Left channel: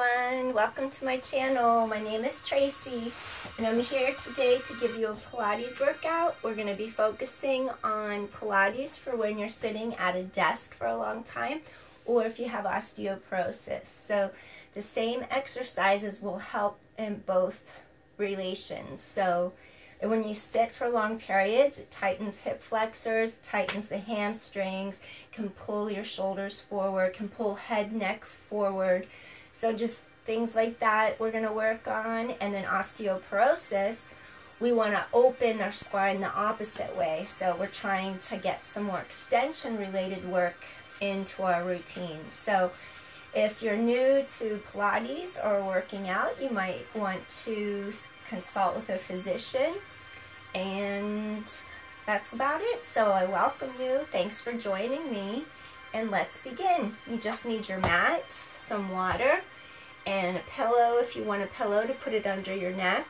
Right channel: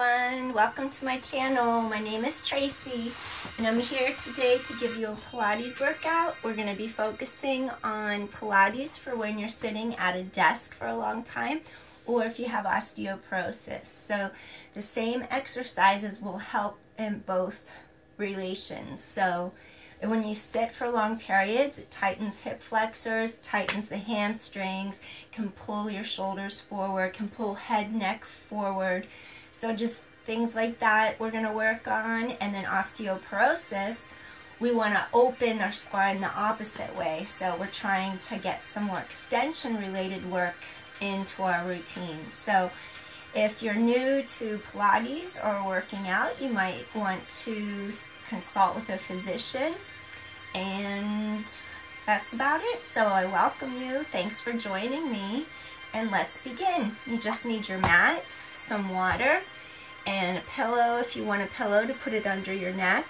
everyone, welcome to my channel. My name is Tracy and I'm here today to give you a Pilates workout. We're going to be focusing on Pilates for when you're sitting at a desk for a long time or if you have osteoporosis. So the same exercises will help in both relations. So when you sit for long periods, it tightens hip flexors, tightens the hamstrings, can pull your shoulders forward, can pull head, neck forward. So just things like that we're going to work on. And then osteoporosis, we want to open our spine the opposite way. So we're trying to get some more extension related work into our routine. So if you're new to Pilates or working out, you might want to consult with a physician, and that's about it. So I welcome you. Thanks for joining me, and let's begin. You just need your mat, some water, and a pillow if you want a pillow to put it under your neck.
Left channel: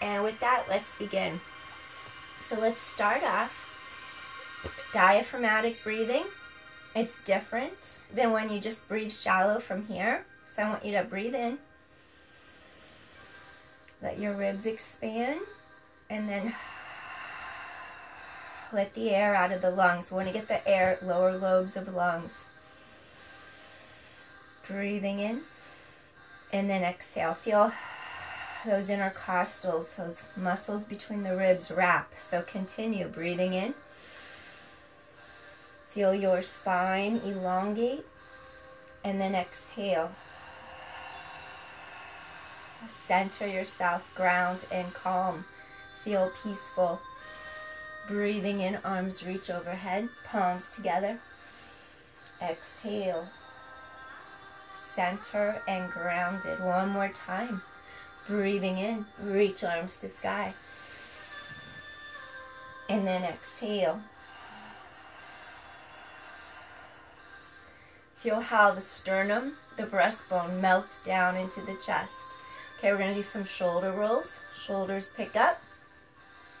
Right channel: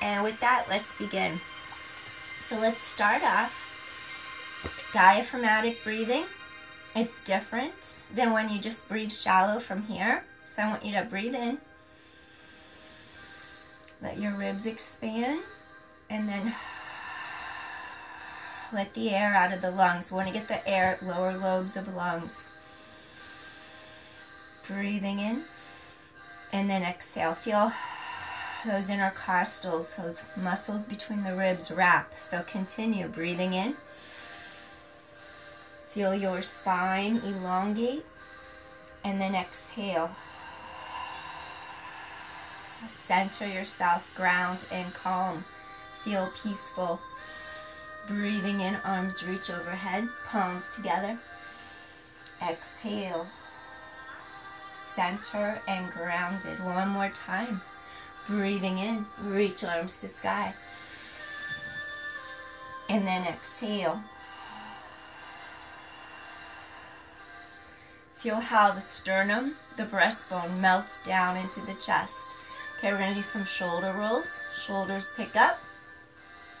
And with that, let's begin. So let's start off diaphragmatic breathing. It's different than when you just breathe shallow from here. So I want you to breathe in. Let your ribs expand, and then let the air out of the lungs. We want to get the air, lower lobes of lungs. Breathing in, and then exhale. Feel those intercostals, those muscles between the ribs wrap. So continue breathing in. Feel your spine elongate, and then exhale. Center yourself, ground and calm. Feel peaceful. Breathing in, arms reach overhead, palms together. Exhale. Center and grounded. One more time. Breathing in, reach arms to sky. And then exhale. Feel how the sternum, the breastbone melts down into the chest. Okay, we're going to do some shoulder rolls. Shoulders pick up,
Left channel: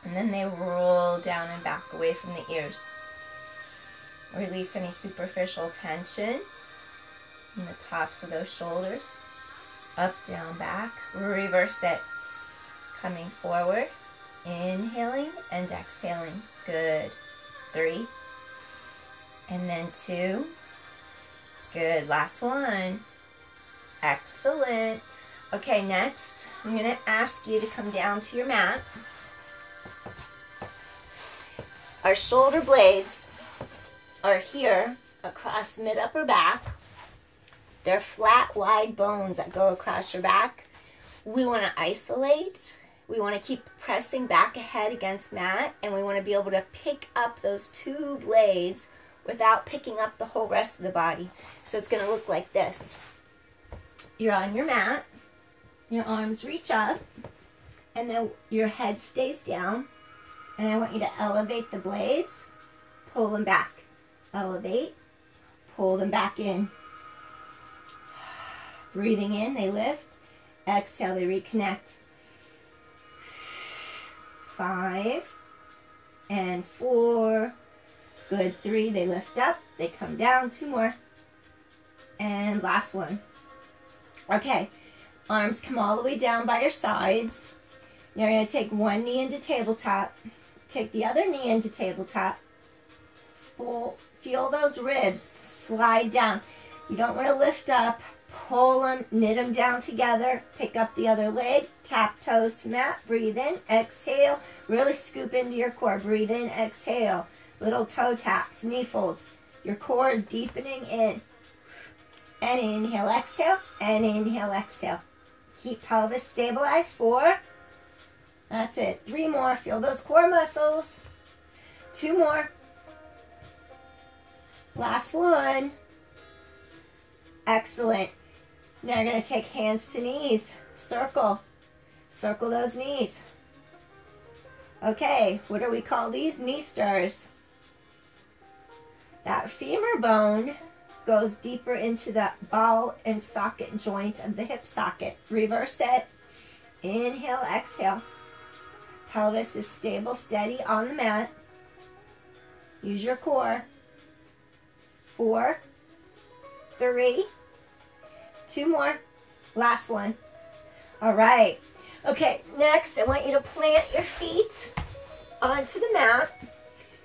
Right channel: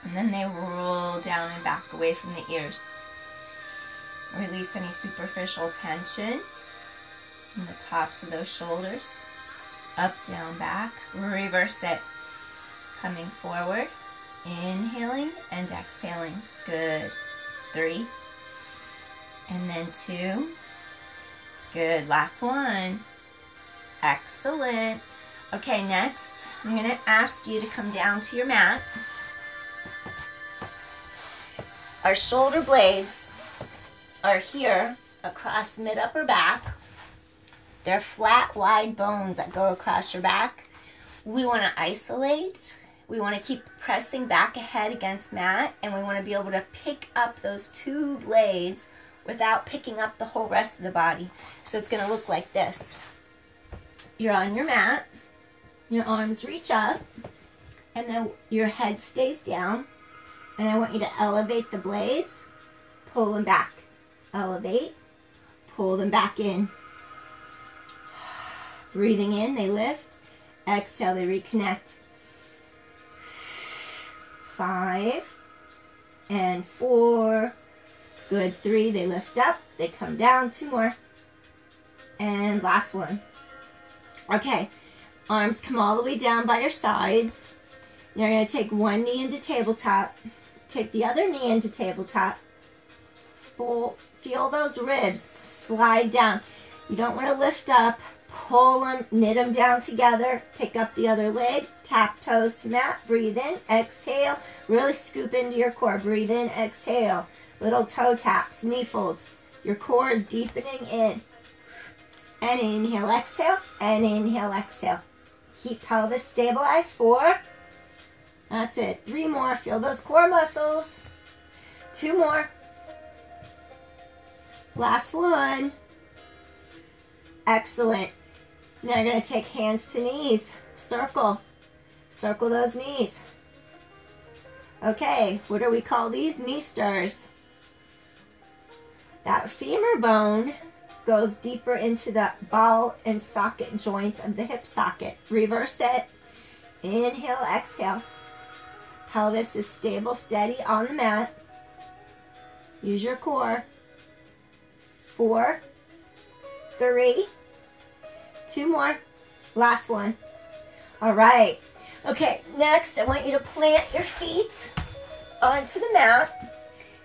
and then they roll down and back away from the ears. Release any superficial tension in the tops of those shoulders. Up, down, back. Reverse it. Coming forward. Inhaling and exhaling. Good. 3. And then 2. Good. Last one. Excellent. Okay, next, I'm going to ask you to come down to your mat. Our shoulder blades are here across mid-upper back. They're flat, wide bones that go across your back. We want to isolate. We want to keep pressing back ahead against mat, and we want to be able to pick up those two blades without picking up the whole rest of the body. So it's going to look like this. You're on your mat. Your arms reach up, and then your head stays down. And I want you to elevate the blades, pull them back. Elevate, pull them back in. Breathing in, they lift. Exhale, they reconnect. 5 and 4. Good. 3, they lift up, they come down. 2 more. And last one. Okay. Arms come all the way down by your sides. You're going to take one knee into tabletop. Take the other knee into tabletop. Feel those ribs slide down. You don't want to lift up. Pull them, knit them down together. Pick up the other leg. Tap toes to mat. Breathe in. Exhale. Really scoop into your core. Breathe in. Exhale. Little toe taps. Knee folds. Your core is deepening in. And inhale, exhale. And inhale, exhale. Keep pelvis stabilized. 4. That's it. 3 more. Feel those core muscles. 2 more. Last one. Excellent. Now you're going to take hands to knees. Circle. Circle those knees. Okay, what do we call these? Knee stirs. That femur bone goes deeper into the ball and socket joint of the hip socket. Reverse it. Inhale, exhale. Pelvis is stable, steady on the mat. Use your core. 4, 3, 2 more. Last one. All right. Okay, next I want you to plant your feet onto the mat.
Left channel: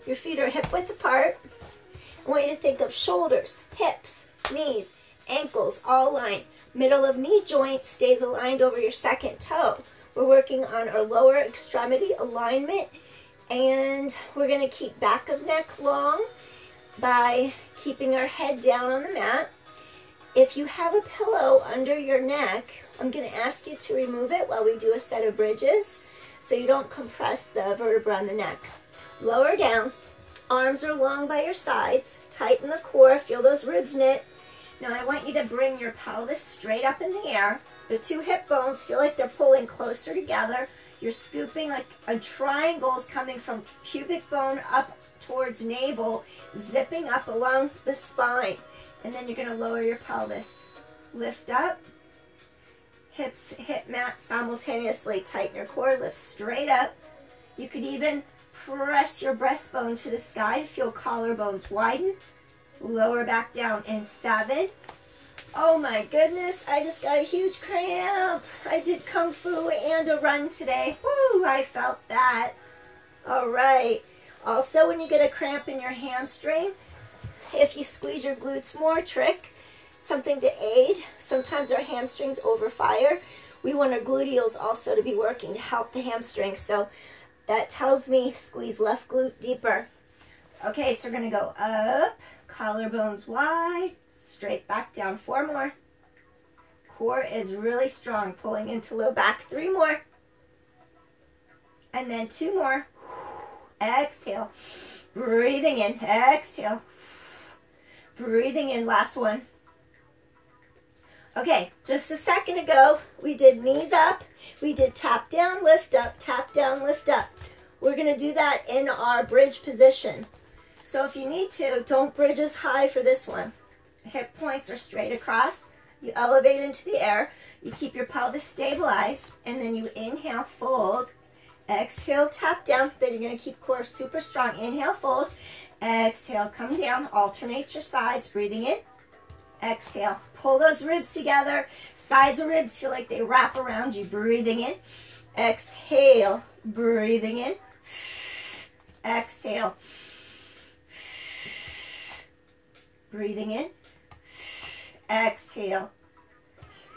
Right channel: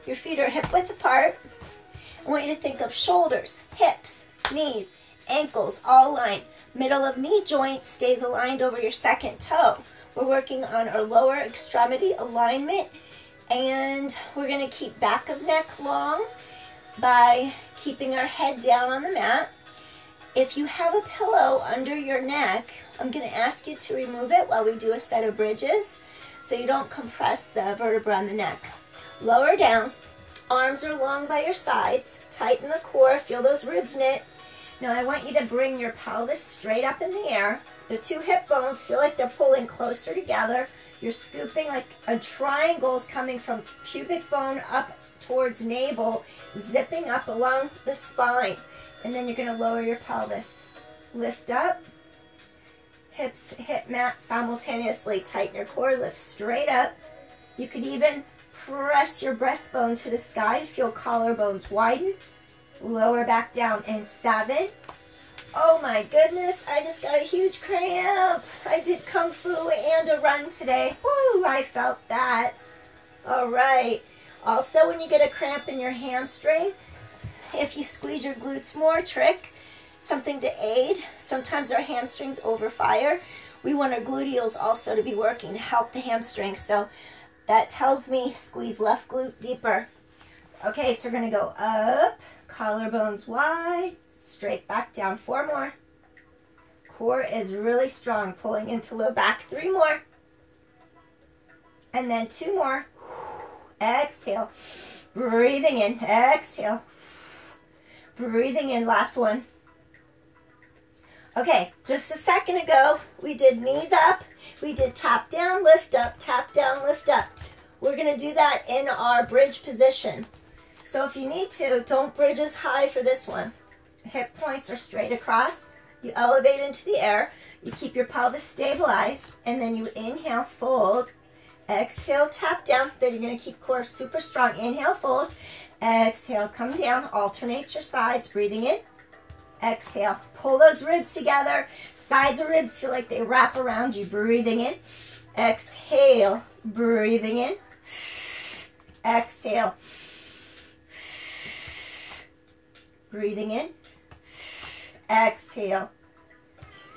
Your feet are hip width apart. I want you to think of shoulders, hips, knees, ankles, all aligned. Middle of knee joint stays aligned over your second toe. We're working on our lower extremity alignment, and we're going to keep back of neck long by keeping our head down on the mat. If you have a pillow under your neck, I'm going to ask you to remove it while we do a set of bridges so you don't compress the vertebra on the neck. Lower down, arms are long by your sides, tighten the core, feel those ribs knit. Now I want you to bring your pelvis straight up in the air. The two hip bones feel like they're pulling closer together. You're scooping like a triangle is coming from pubic bone up towards navel, zipping up along the spine. And then you're going to lower your pelvis. Lift up, hips hit mat simultaneously. Tighten your core, lift straight up. You could even press your breastbone to the sky to feel collarbones widen. Lower back down in 7. Oh my goodness, I just got a huge cramp. I did Kung Fu and a run today. Woo, I felt that. All right. Also, when you get a cramp in your hamstring, if you squeeze your glutes more, trick, something to aid. Sometimes our hamstrings overfire. We want our gluteals also to be working to help the hamstrings. So that tells me squeeze left glute deeper. Okay, so we're going to go up, collarbones wide, straight back down. 4 more. Core is really strong, pulling into low back. 3 more. And then 2 more. Exhale. Breathing in. Exhale. Breathing in. Last one. Okay, just a second ago, we did knees up. We did tap down, lift up, tap down, lift up. We're going to do that in our bridge position. So if you need to, don't bridge as high for this one. Hip points are straight across. You elevate into the air. You keep your pelvis stabilized. And then you inhale, fold. Exhale, tap down. Then you're going to keep core super strong. Inhale, fold. Exhale, come down. Alternate your sides. Breathing in. Exhale. Pull those ribs together. Sides of ribs feel like they wrap around you. Breathing in. Exhale. Breathing in. Exhale. Breathing in. Exhale.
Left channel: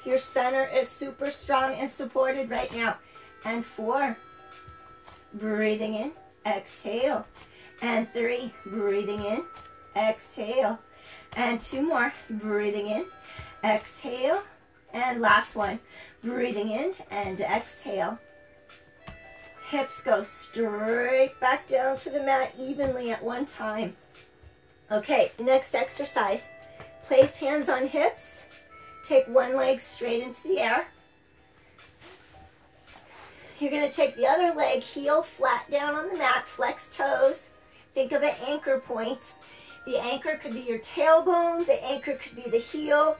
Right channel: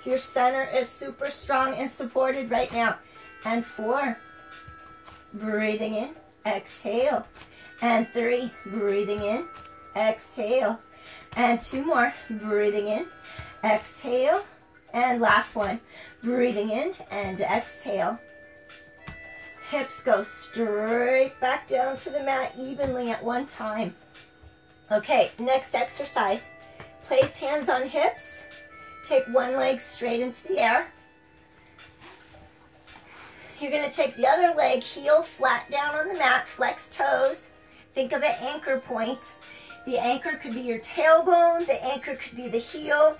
Your center is super strong and supported right now. And 4. Breathing in. Exhale. And 3. Breathing in. Exhale. And 2 more. Breathing in. Exhale. And last one. Breathing in and exhale. Hips go straight back down to the mat evenly at one time. Okay, next exercise. Place hands on hips. Take one leg straight into the air. You're going to take the other leg, heel flat down on the mat, flex toes. Think of an anchor point. The anchor could be your tailbone, the anchor could be the heel,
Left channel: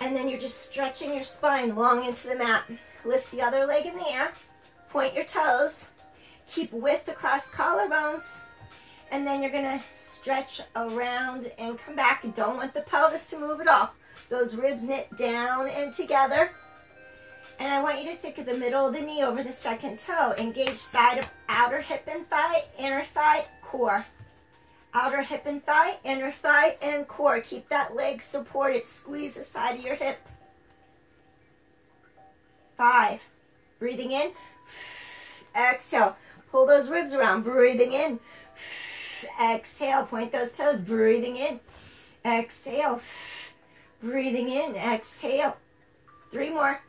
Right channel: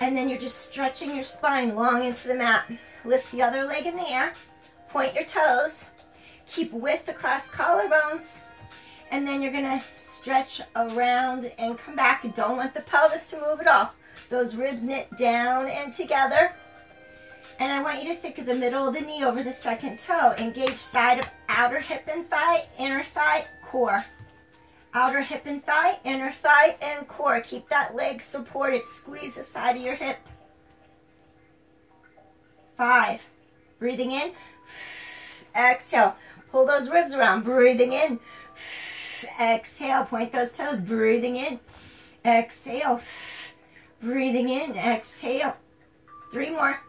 and then you're just stretching your spine long into the mat. Lift the other leg in the air, point your toes, keep width across collarbones, and then you're gonna stretch around and come back. You don't want the pelvis to move at all. Those ribs knit down and together. And I want you to think of the middle of the knee over the second toe. Engage side of outer hip and thigh, inner thigh, core. Outer hip and thigh, inner thigh, and core. Keep that leg supported. Squeeze the side of your hip. 5. Breathing in. Exhale. Pull those ribs around. Breathing in. Exhale. Point those toes. Breathing in. Exhale. Breathing in. Exhale. 3 more.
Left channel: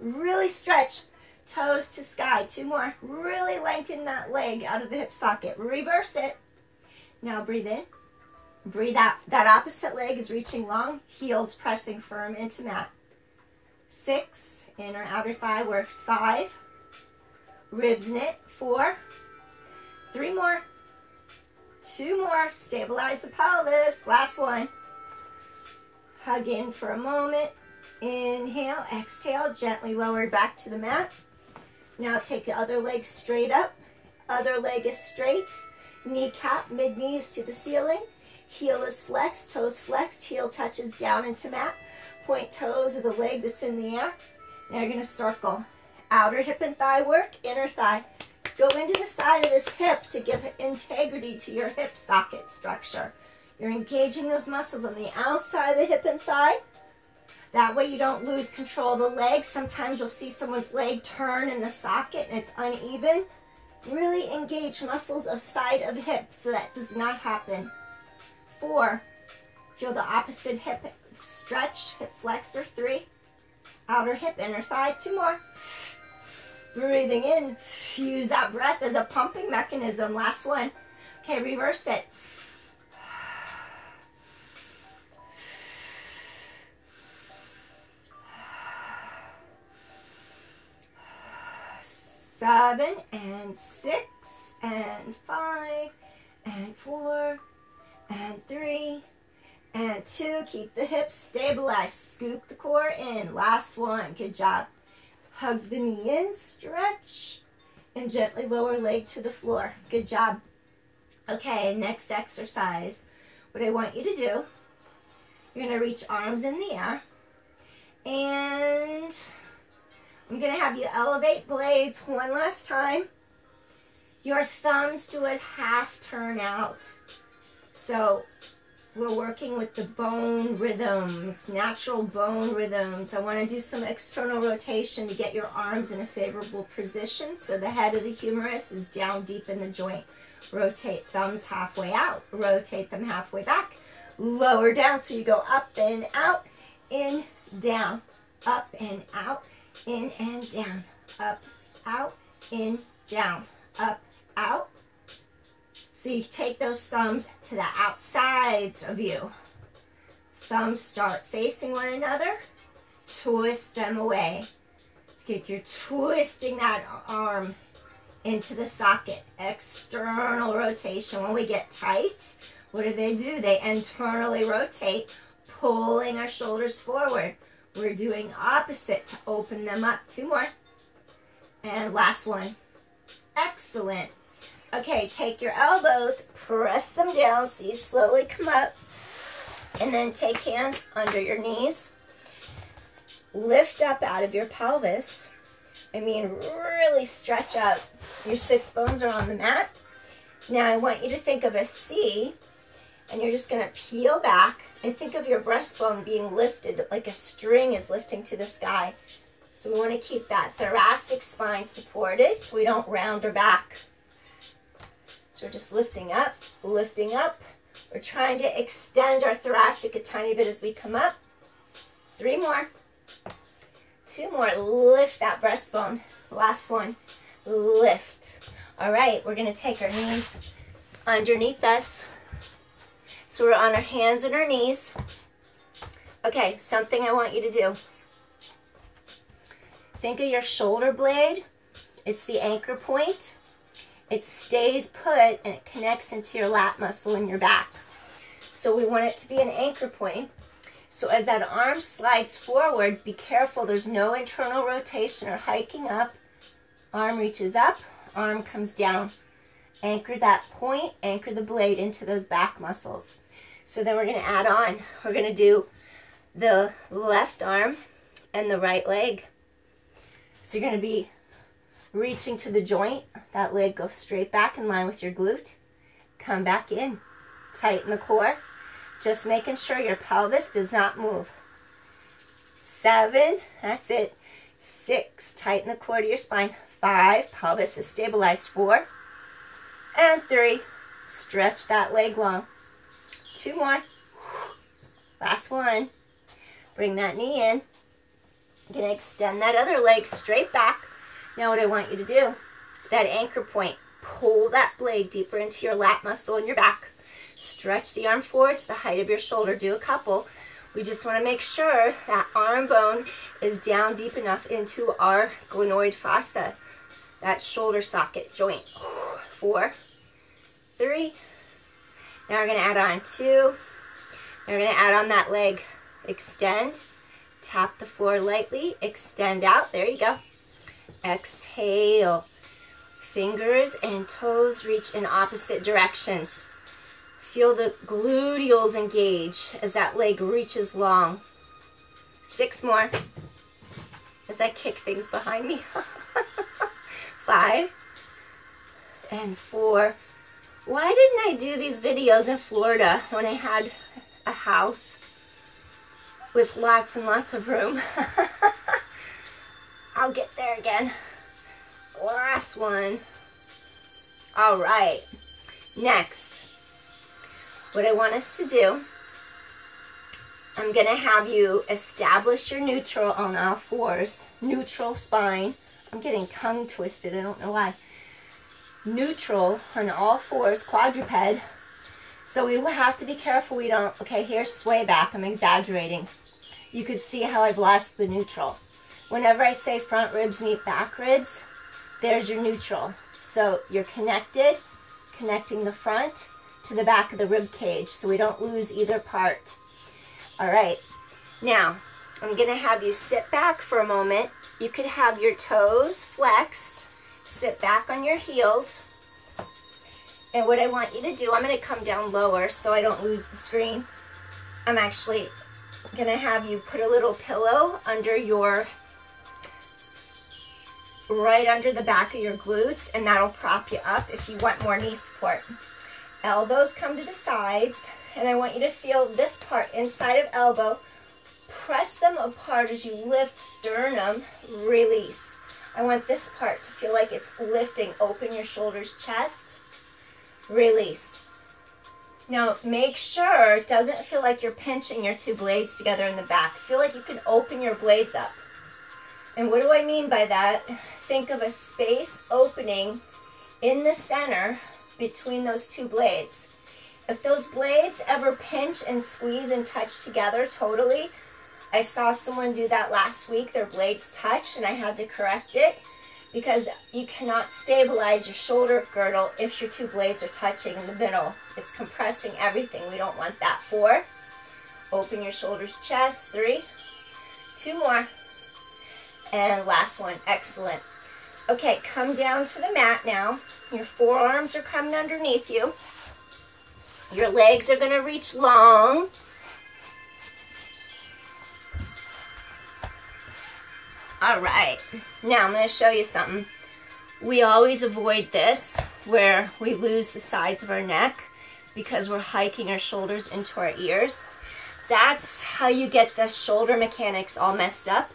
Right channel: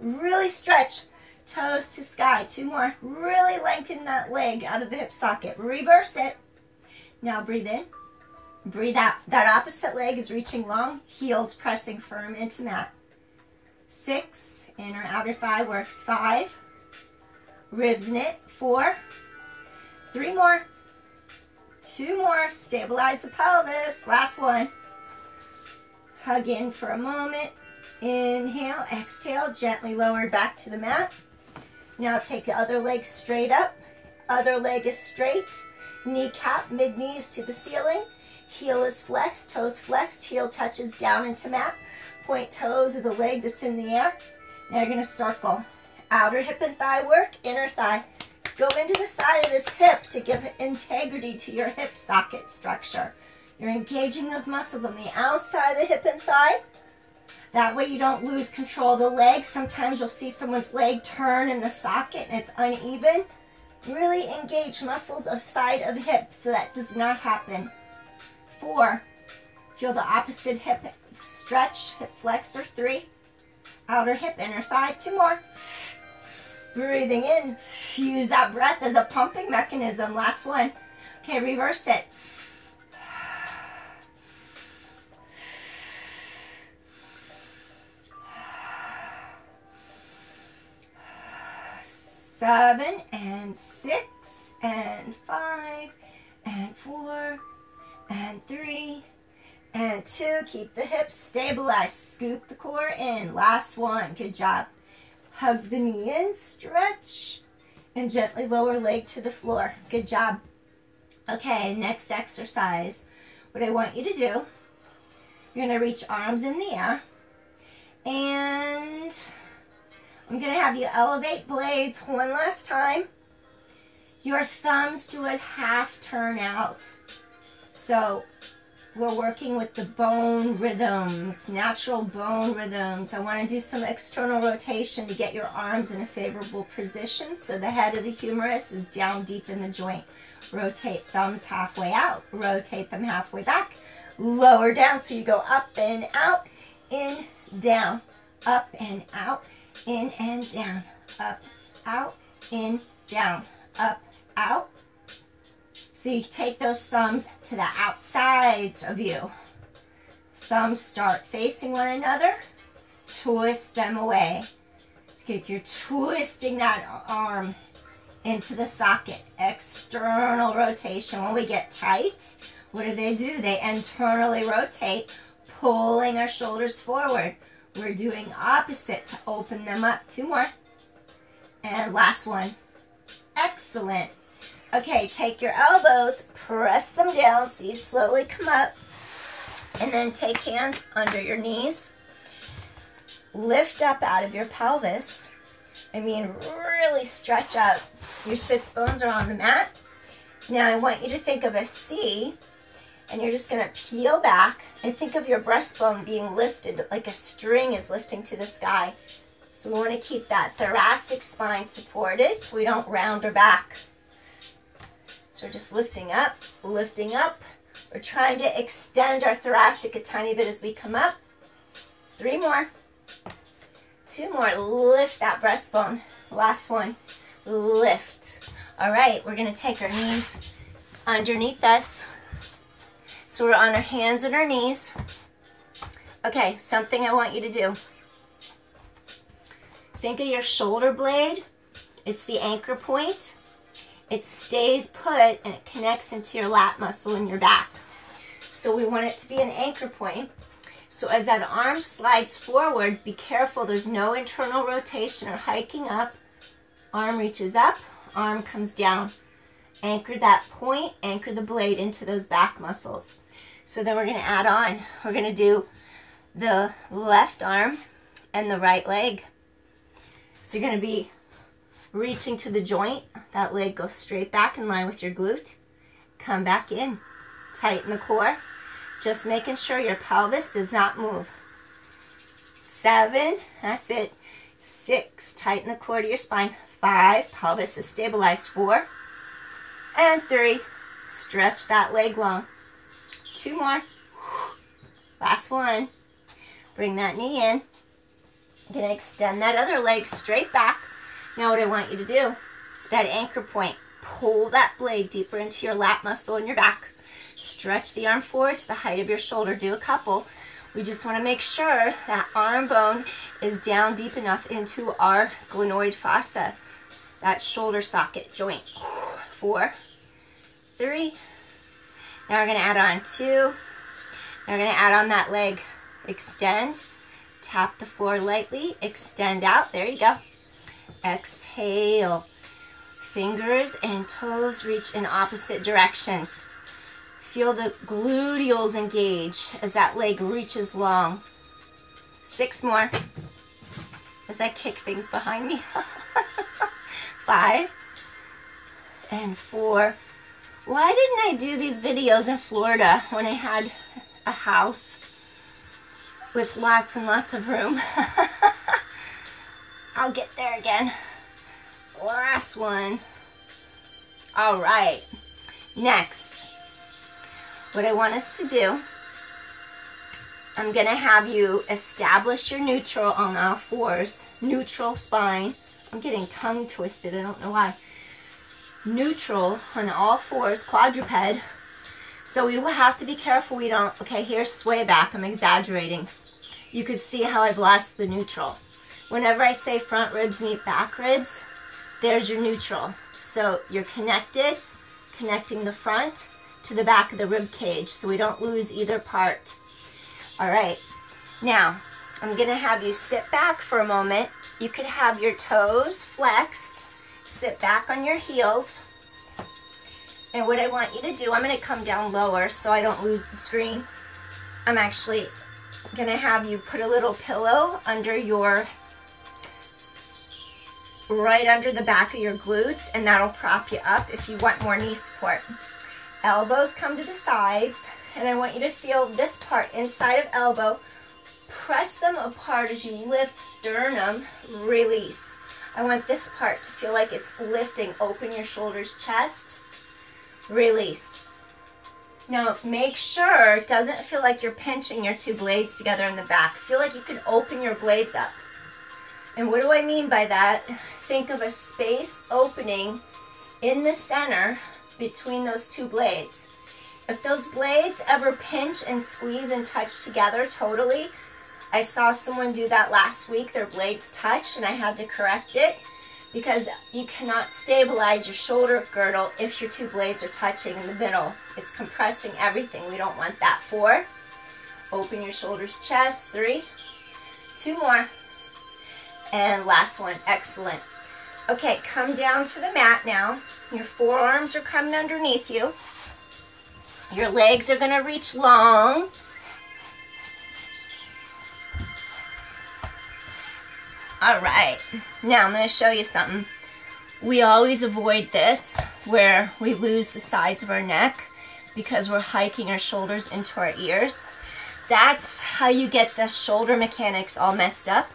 Really stretch. Toes to sky. 2 more. Really lengthen that leg out of the hip socket. Reverse it. Now breathe in, breathe out. That opposite leg is reaching long, heels pressing firm into mat. 6, inner outer thigh works. 5, ribs knit. 4, 3 more, 2 more. Stabilize the pelvis. Last one. Hug in for a moment. Inhale, exhale, gently lower back to the mat. Now take the other leg straight up. Other leg is straight. Kneecap, mid-knees to the ceiling. Heel is flexed, toes flexed, heel touches down into mat. Point toes of the leg that's in the air. Now you're going to circle. Outer hip and thigh work, inner thigh. Go into the side of this hip to give integrity to your hip socket structure. You're engaging those muscles on the outside of the hip and thigh. That way you don't lose control of the leg. Sometimes you'll see someone's leg turn in the socket and it's uneven. Really engage muscles of side of hip so that does not happen. 4, feel the opposite hip stretch, hip flexor. 3, outer hip, inner thigh. 2 more. Breathing in, use that breath as a pumping mechanism. Last one. Okay, reverse it. 7 and 6 and 5 and 4 and 3 and 2. Keep the hips stabilized. Scoop the core in. Last one. Good job. Hug the knee in, stretch, and gently lower leg to the floor. Good job. Okay, next exercise. What I want you to do, you're going to reach arms in the air, and I'm going to have you elevate blades one last time. Your thumbs do a half turn out. So we're working with the bone rhythms, natural bone rhythms. I want to do some external rotation to get your arms in a favorable position so the head of the humerus is down deep in the joint. Rotate thumbs halfway out, rotate them halfway back, lower down so you go up and out, in, down, up and out, in and down, up, out, in, down, up, out. So you take those thumbs to the outsides of you. Thumbs start facing one another. Twist them away. You're twisting that arm into the socket. External rotation. When we get tight, what do? They internally rotate, pulling our shoulders forward. We're doing opposite to open them up. 2 more. And last one. Excellent. Okay, take your elbows, press them down so you slowly come up, and then take hands under your knees. Lift up out of your pelvis. Really stretch up. Your sits bones are on the mat. Now I want you to think of a C, and you're just going to peel back and think of your breastbone being lifted like a string is lifting to the sky. So we want to keep that thoracic spine supported so we don't round our back. So we're just lifting up, lifting up. We're trying to extend our thoracic a tiny bit as we come up. 3 more. 2 more. Lift that breastbone. Last one. Lift. All right, we're going to take our knees underneath us. So we're on our hands and our knees. Okay, something I want you to do. Think of your shoulder blade. It's the anchor point. It stays put and it connects into your lat muscle in your back. So we want it to be an anchor point. So as that arm slides forward, be careful. There's no internal rotation or hiking up. Arm reaches up, arm comes down. Anchor that point, anchor the blade into those back muscles. So then we're going to add on. We're going to do the left arm and the right leg. So you're going to be reaching to the joint. That leg goes straight back in line with your glute. Come back in. Tighten the core. Just making sure your pelvis does not move. 7. That's it. 6. Tighten the core to your spine. 5. Pelvis is stabilized. 4. And 3. Stretch that leg long. 2 more. Last one. Bring that knee in. You're going to extend that other leg straight back. Now what I want you to do, that anchor point, pull that blade deeper into your lat muscle in your back. Stretch the arm forward to the height of your shoulder. Do a couple. We just want to make sure that arm bone is down deep enough into our glenoid fossa, that shoulder socket joint. 4, 3. Now we're going to add on 2. Now we're going to add on that leg. Extend. Tap the floor lightly. Extend out. There you go. Exhale. Fingers and toes reach in opposite directions. Feel the gluteals engage as that leg reaches long. 6 more as I kick things behind me. 5 and 4. Why didn't I do these videos in Florida when I had a house with lots and lots of room? I'll get there again. Last one. All right. Next, what I want us to do, I'm going to have you establish your neutral on all fours. Neutral spine. I'm getting tongue twisted. I don't know why. Neutral on all fours, quadruped. So we will have to be careful we don't, okay, here's sway back. I'm exaggerating. You could see how I've lost the neutral. Whenever I say front ribs meet back ribs, there's your neutral. So you're connected, connecting the front to the back of the rib cage so we don't lose either part. All right, now I'm gonna have you sit back for a moment. You could have your toes flexed, sit back on your heels. And what I want you to do, I'm gonna come down lower so I don't lose the screen. I'm actually gonna have you put a little pillow under your, right under the back of your glutes, and that'll prop you up if you want more knee support. Elbows come to the sides, and I want you to feel this part inside of elbow. Press them apart as you lift sternum, release. I want this part to feel like it's lifting. Open your shoulders, chest, release. Now make sure it doesn't feel like you're pinching your 2 blades together in the back. Feel like you can open your blades up. And what do I mean by that? Think of a space opening in the center between those 2 blades. If those blades ever pinch and squeeze and touch together totally, I saw someone do that last week. Their blades touched and I had to correct it because you cannot stabilize your shoulder girdle if your 2 blades are touching in the middle. It's compressing everything. We don't want that. 4. Open your shoulders, chest. 3. 2 more. And last one. Excellent. Okay, come down to the mat now. Your forearms are coming underneath you. Your legs are going to reach long. All right, now I'm going to show you something. We always avoid this where we lose the sides of our neck because we're hiking our shoulders into our ears. That's how you get the shoulder mechanics all messed up.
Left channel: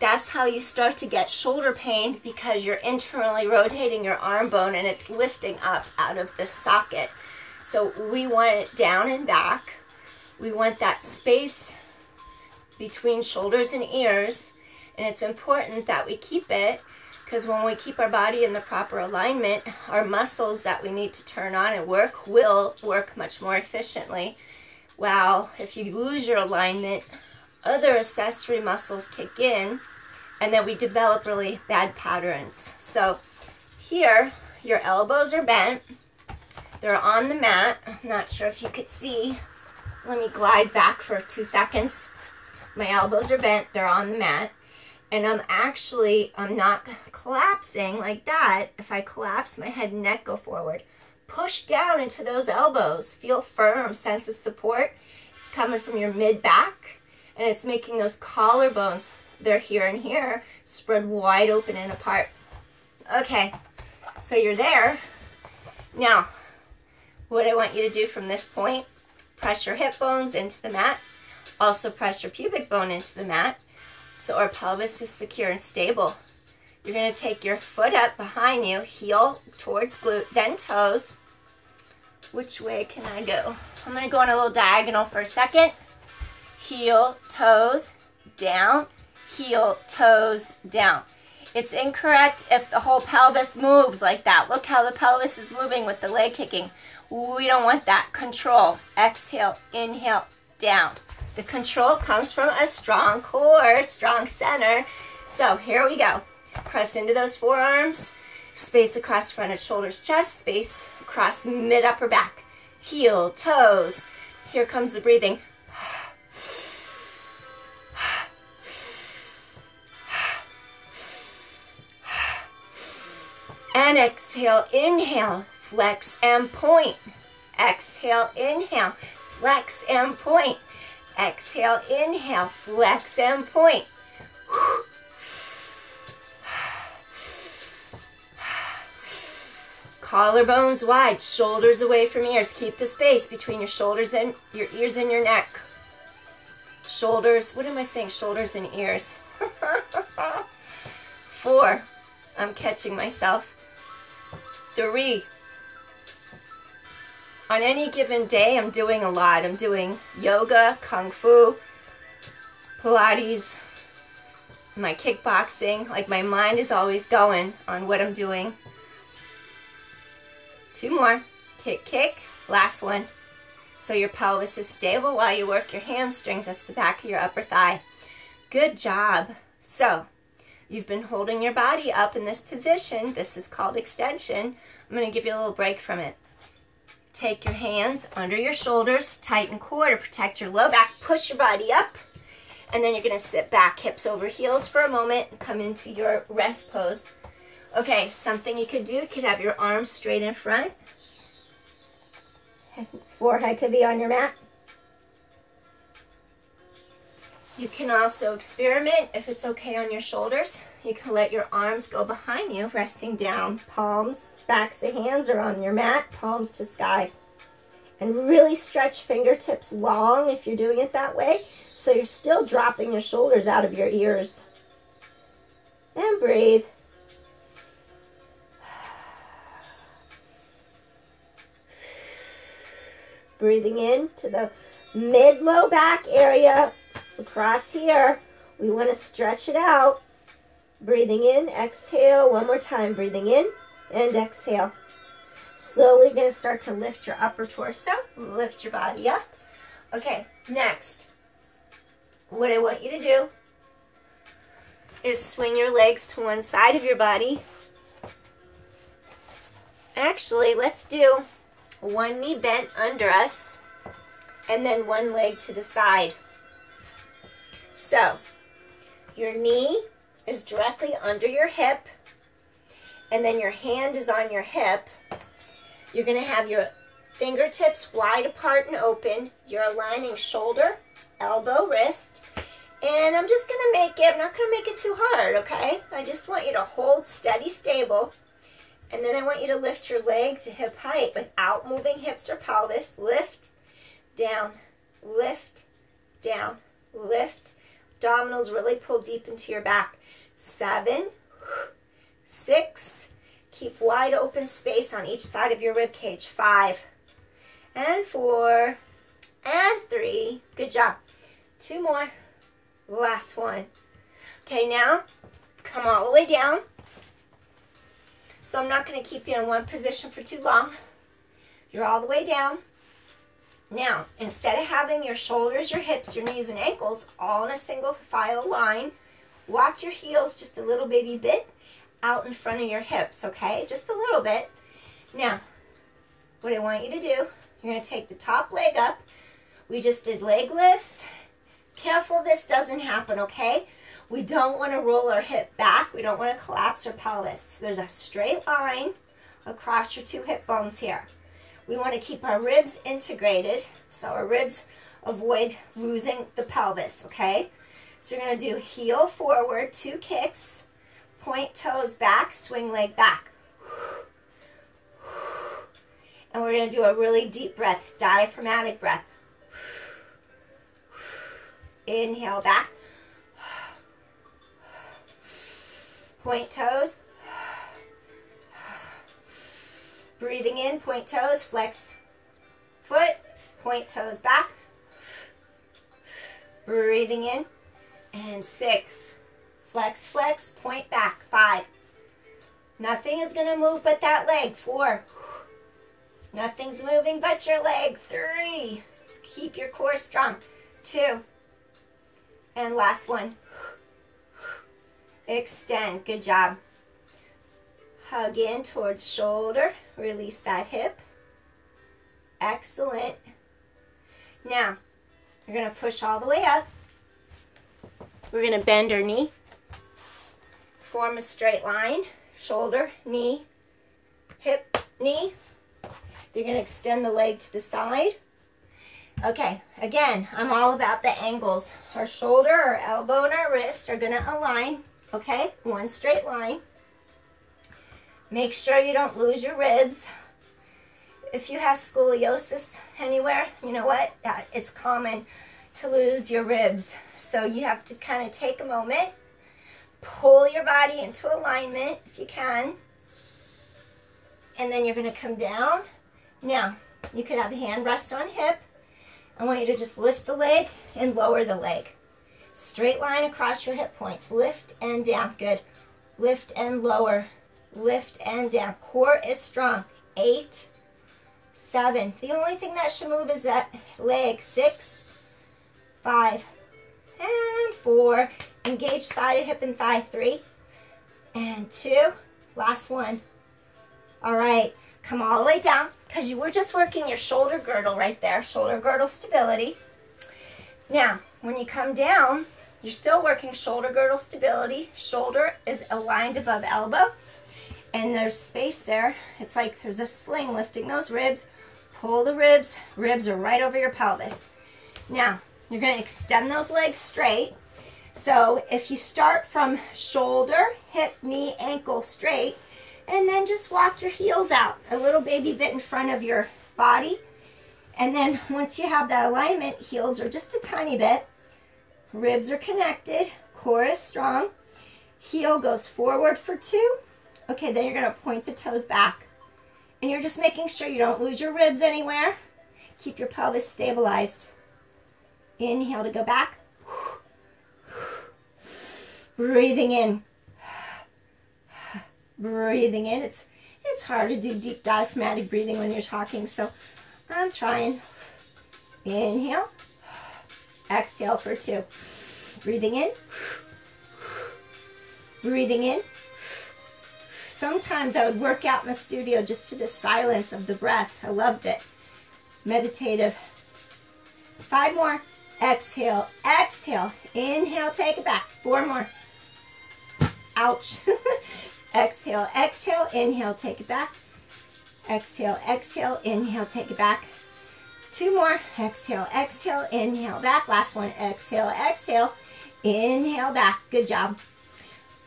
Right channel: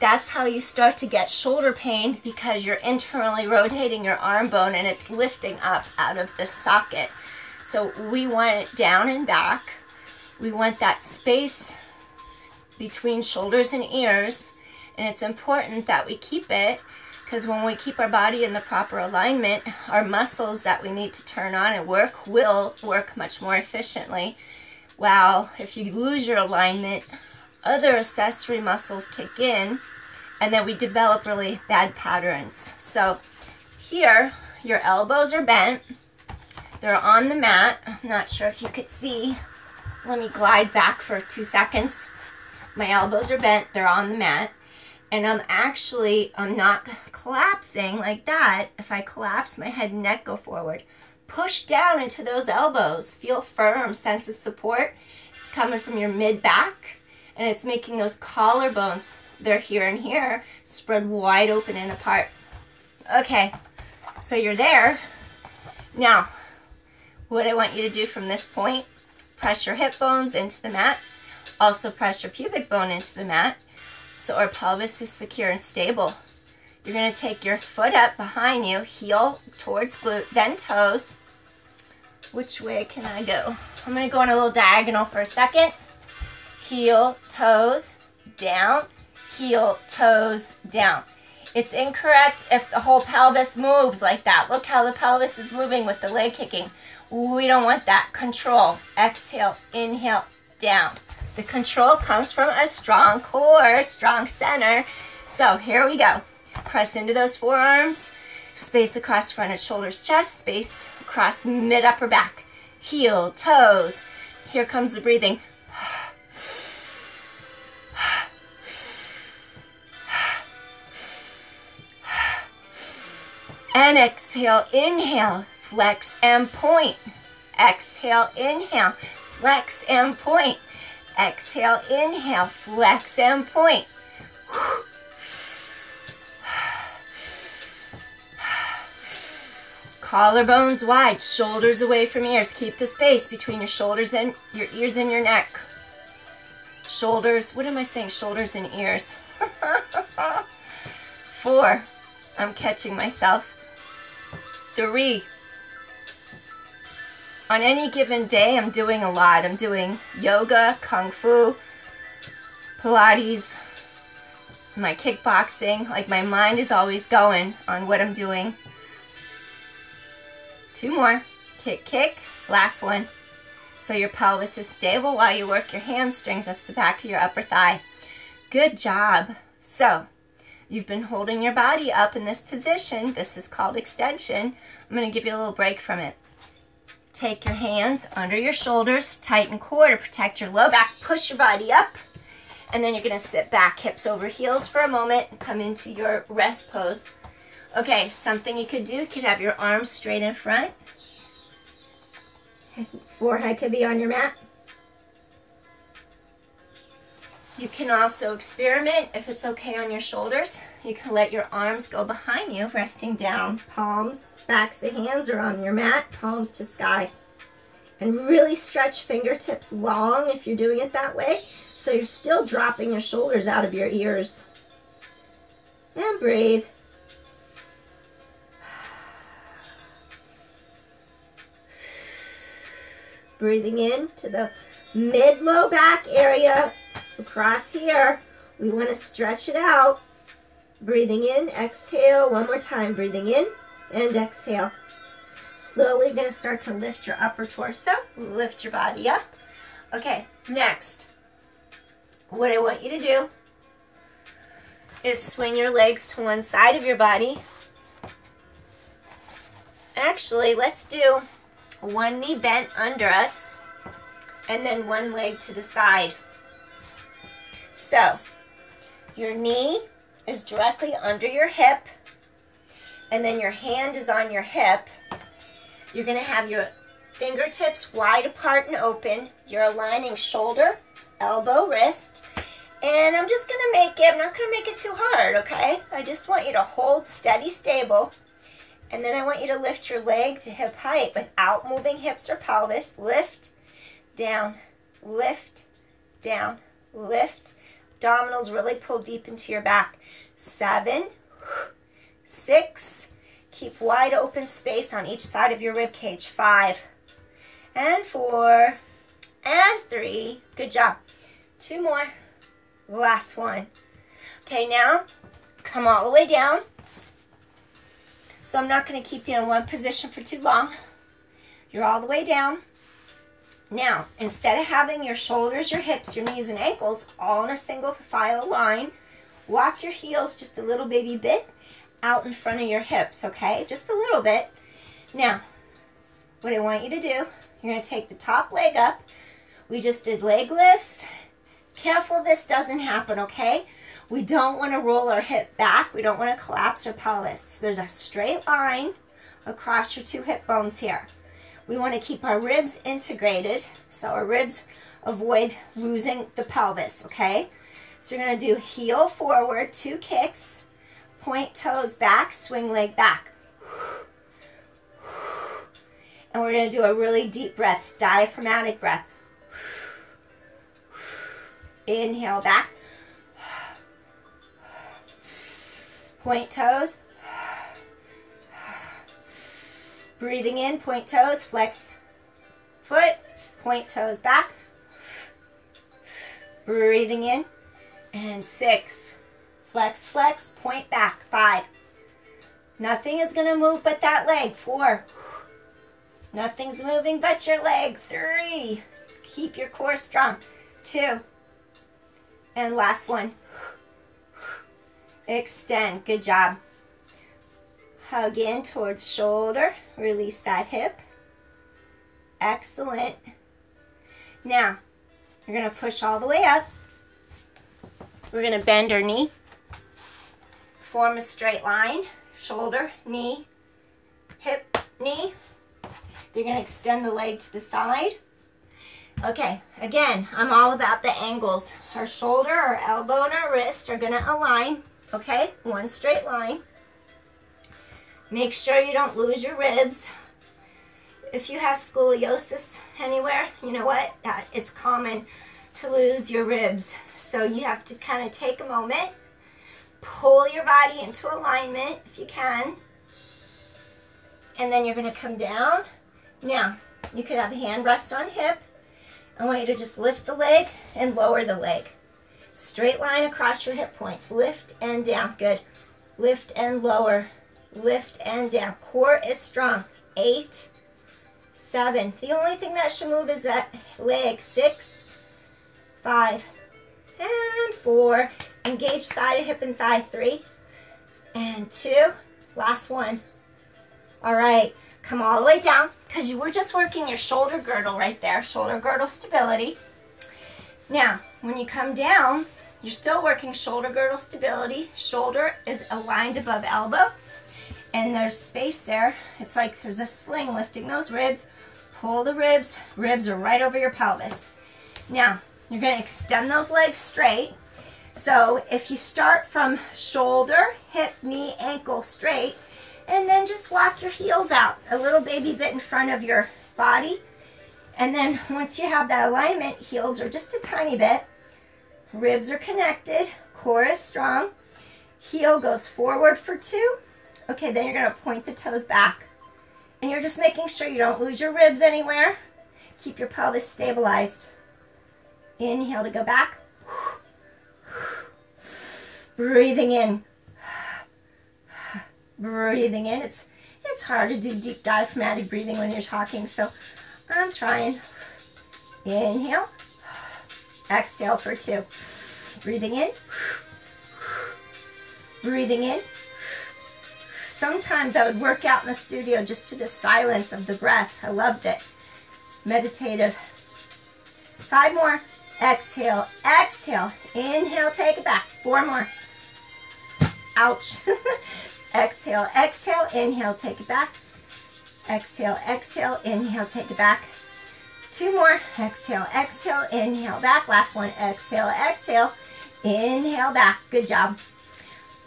That's how you start to get shoulder pain because you're internally rotating your arm bone and it's lifting up out of the socket. So we want it down and back. We want that space between shoulders and ears. And it's important that we keep it because when we keep our body in the proper alignment, our muscles that we need to turn on and work will work much more efficiently. While if you lose your alignment, other accessory muscles kick in and then we develop really bad patterns. So here, your elbows are bent. They're on the mat. I'm not sure if you could see. Let me glide back for 2 seconds. My elbows are bent. They're on the mat. And I'm not collapsing like that. If I collapse, my head and neck go forward. Push down into those elbows. Feel firm, sense of support. It's coming from your mid-back, and it's making those collarbones, they're here and here, spread wide open and apart. Okay, so you're there. Now, what I want you to do from this point, press your hip bones into the mat. Also press your pubic bone into the mat. So our pelvis is secure and stable. You're going to take your foot up behind you, heel towards glute, then toes. Which way can I go? I'm going to go on a little diagonal for a second. Heel, toes, down, heel, toes, down. It's incorrect if the whole pelvis moves like that. Look how the pelvis is moving with the leg kicking. We don't want that. Control. Exhale, inhale, down. The control comes from a strong core, strong center. So here we go. Press into those forearms. Space across front of shoulders, chest. Space across mid, upper back. Heel, toes. Here comes the breathing. And exhale, inhale, flex and point. Exhale, inhale, flex and point. Exhale, inhale, flex and point. Collarbones wide, shoulders away from ears. Keep the space between your shoulders and your ears and your neck. Shoulders, what am I saying? Shoulders and ears. 4, I'm catching myself. 3. On any given day, I'm doing a lot. I'm doing yoga, kung fu, Pilates, my kickboxing. Like, my mind is always going on what I'm doing. 2 more. Kick, kick. Last one. So your pelvis is stable while you work your hamstrings. That's the back of your upper thigh. Good job. So, you've been holding your body up in this position. This is called extension. I'm going to give you a little break from it. Take your hands under your shoulders, tighten core to protect your low back. Push your body up. And then you're going to sit back, hips over heels for a moment, and come into your rest pose. Okay, something you could do, you could have your arms straight in front. Forehead could be on your mat. You can also experiment, if it's okay on your shoulders, you can let your arms go behind you, resting down. Palms, backs of hands are on your mat, palms to sky. And really stretch fingertips long if you're doing it that way, so you're still dropping your shoulders out of your ears. And breathe. Breathing in to the mid-low back area across here. We want to stretch it out. Breathing in, exhale. One more time. Breathing in and exhale. Slowly you're going to start to lift your upper torso. Lift your body up. Okay, next. What I want you to do is swing your legs to one side of your body. Actually, let's do one knee bent under us, and then one leg to the side. So, your knee is directly under your hip, and then your hand is on your hip. You're going to have your fingertips wide apart and open. You're aligning shoulder, elbow, wrist, and I'm just going to make it, I'm not going to make it too hard, okay? I just want you to hold steady, stable. And then I want you to lift your leg to hip height without moving hips or pelvis. Lift, down, lift, down, lift. Abdominals really pull deep into your back. 7, 6. Keep wide open space on each side of your rib cage. 5, and 4, and 3. Good job. 2 more. Last one. Okay, now come all the way down. So I'm not going to keep you in one position for too long. You're all the way down. Now, instead of having your shoulders, your hips, your knees, and ankles all in a single file line, walk your heels just a little baby bit out in front of your hips, okay? Just a little bit. Now, what I want you to do, you're going to take the top leg up. We just did leg lifts. Careful this doesn't happen, okay? We don't want to roll our hip back. We don't want to collapse our pelvis. There's a straight line across your 2 hip bones here. We want to keep our ribs integrated so our ribs avoid losing the pelvis, okay? So you're going to do heel forward, 2 kicks, point toes back, swing leg back. And we're going to do a really deep breath, diaphragmatic breath. Inhale back. Point toes. Breathing in, point toes, flex foot, point toes back. Breathing in, and 6. Flex, flex, point back. 5. Nothing is going to move but that leg. 4. Nothing's moving but your leg. 3. Keep your core strong. 2. And last one. Extend. Good job. Hug in towards shoulder. Release that hip. Excellent. Now, you're going to push all the way up. We're going to bend our knee. Form a straight line. Shoulder, knee, hip, knee. You're going to extend the leg to the side. Okay, again, I'm all about the angles. Our shoulder, our elbow, and our wrist are gonna align, okay? One straight line. Make sure you don't lose your ribs. If you have scoliosis anywhere, you know what? It's common to lose your ribs. So you have to kind of take a moment, pull your body into alignment if you can, and then you're gonna come down. Now, you could have a hand rest on hip. I want you to just lift the leg and lower the leg. Straight line across your hip points. Lift and down. Good. Lift and lower. Lift and down. Core is strong. 8, 7. The only thing that should move is that leg. 6, 5, and 4. Engage side of hip and thigh. 3 and 2. Last one. All right. Come all the way down, because you were just working your shoulder girdle right there, shoulder girdle stability. Now, when you come down, you're still working shoulder girdle stability. Shoulder is aligned above elbow, and there's space there. It's like there's a sling lifting those ribs. Pull the ribs. Ribs are right over your pelvis. Now, you're going to extend those legs straight. So if you start from shoulder, hip, knee, ankle straight, and then just walk your heels out, a little baby bit in front of your body. And then once you have that alignment, heels are just a tiny bit. Ribs are connected, core is strong. Heel goes forward for 2. Okay, then you're gonna point the toes back. And you're just making sure you don't lose your ribs anywhere. Keep your pelvis stabilized. Inhale to go back. Breathing in. Breathing in. It's hard to do deep diaphragmatic breathing when you're talking, so I'm trying. Inhale. Exhale for 2. Breathing in. Breathing in. Sometimes I would work out in the studio just to the silence of the breath. I loved it. Meditative. 5 more. Exhale. Exhale. Inhale. Take it back. 4 more. Ouch. Exhale, exhale, inhale, take it back. Exhale, exhale, inhale, take it back. 2 more. Exhale, exhale, inhale, back. Last one. Exhale, exhale, inhale, back. Good job.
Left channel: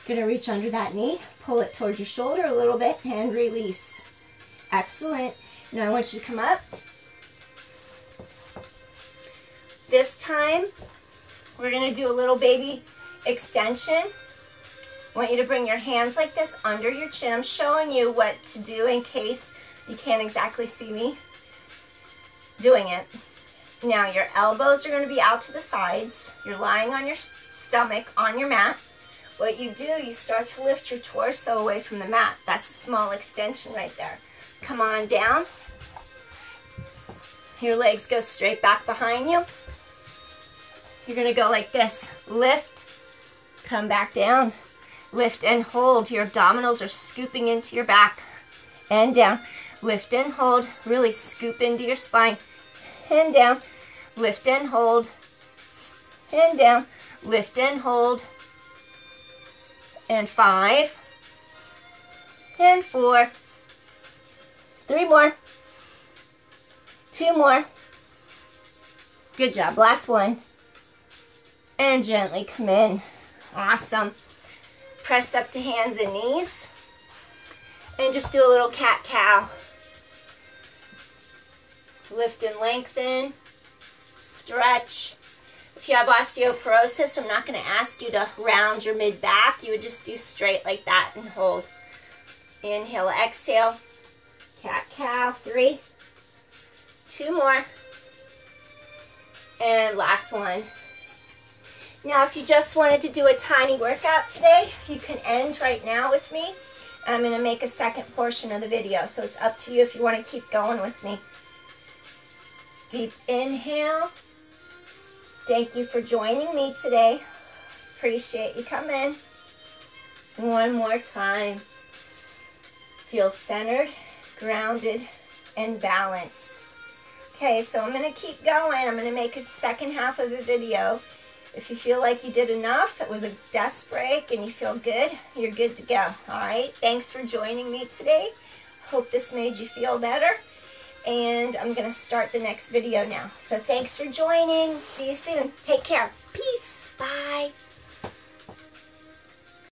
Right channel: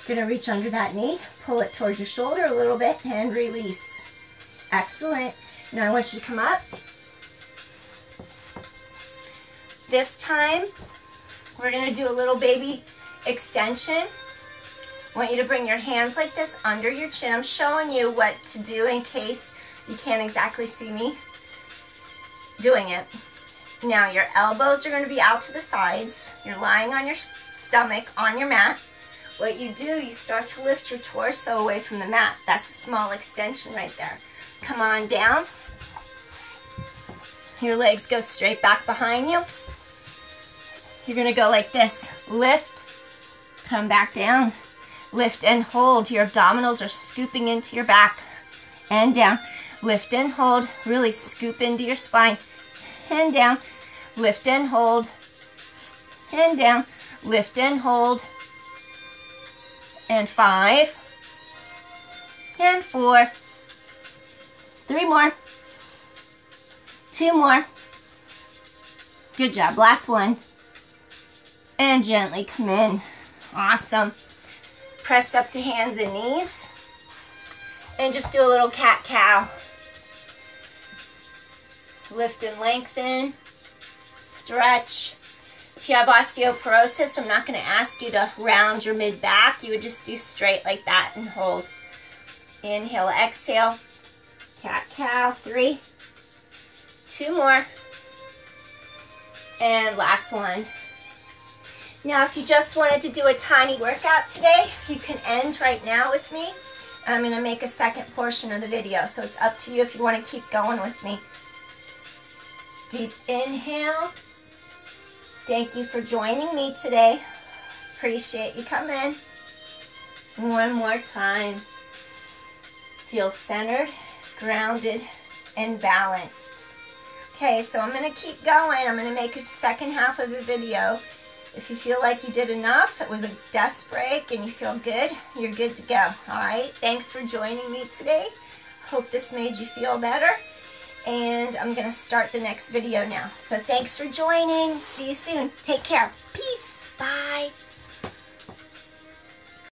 Gonna reach under that knee, pull it towards your shoulder a little bit, and release. Excellent. Now I want you to come up. This time, we're gonna do a little baby extension. I want you to bring your hands like this under your chin. I'm showing you what to do in case you can't exactly see me doing it. Now your elbows are going to be out to the sides. You're lying on your stomach on your mat. What you do, you start to lift your torso away from the mat. That's a small extension right there. Come on down. Your legs go straight back behind you. You're going to go like this. Lift, come back down. Lift and hold. Your abdominals are scooping into your back and down. Lift and hold. Really scoop into your spine and down. Lift and hold and down. Lift and hold. And 5 and 4. 3 more. 2 more. Good job. Last one. And gently come in. Awesome. Press up to hands and knees. And just do a little cat-cow. Lift and lengthen. Stretch. If you have osteoporosis, I'm not going to ask you to round your mid-back. You would just do straight like that and hold. Inhale, exhale. Cat-cow. 3. 2 more. And last one. Now, if you just wanted to do a tiny workout today, you can end right now with me. I'm going to make a second portion of the video, so it's up to you if you want to keep going with me. Deep inhale. Thank you for joining me today. Appreciate you coming. One more time. Feel centered, grounded, and balanced. Okay, so I'm going to keep going. I'm going to make a second half of the video. If you feel like you did enough, it was a desk break, and you feel good, you're good to go. All right, thanks for joining me today. Hope this made you feel better. and I'm gonna start the next video now. So thanks for joining. See you soon. Take care. Peace. Bye.